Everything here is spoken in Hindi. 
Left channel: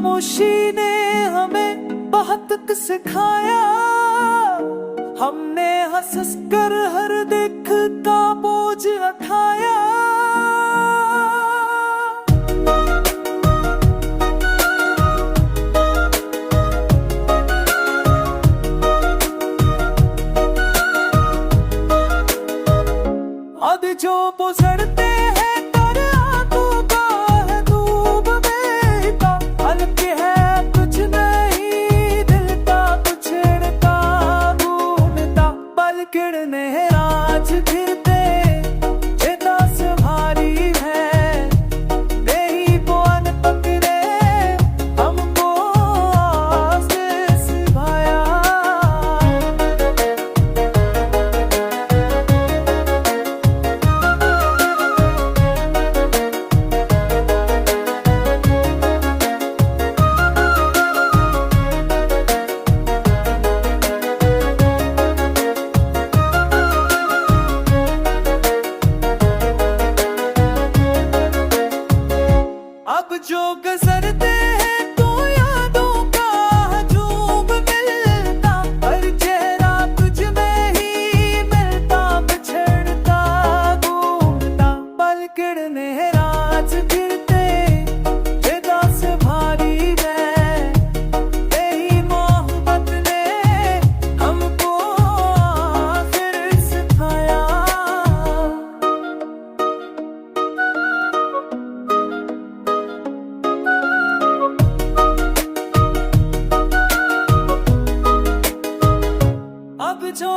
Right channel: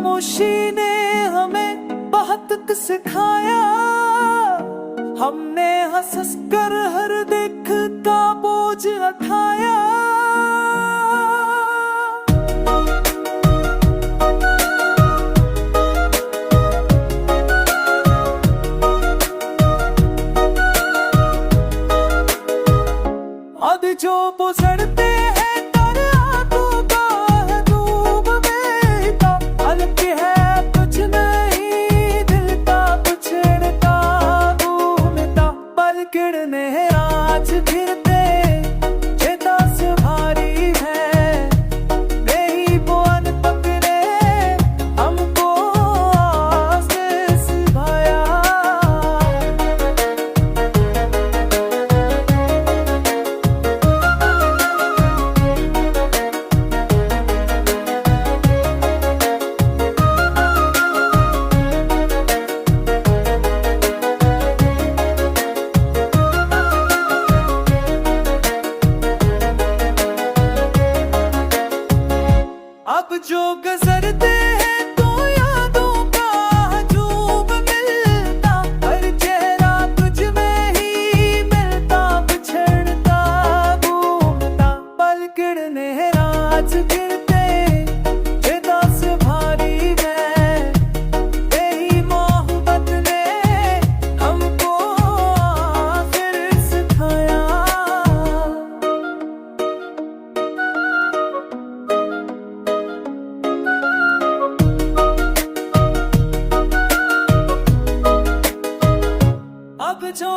खामोशी ने हमें बहुत कुछ सिखाया। हमने हंस कर हर दिख का बोझ उठाया। अब जो गुजरते हैं तर आंखों का है डूब बेटा। हल्के है कुछ नहीं दिल का कुछड़ता घूमता। पल किरने राज फिरते चेता से भारी है। नहीं पवन पकड़े हमको आस्ते सिभाया। अब जो गुजरते हैं तो यादों का हजूम मिलता। हर चेहरा तुझ में ही मिलता बिछड़ता घूमता। पल किरने राज फिरते चेता से भारी है। यही मोहब्बत ने हमको आखिर सिखाया। अब जो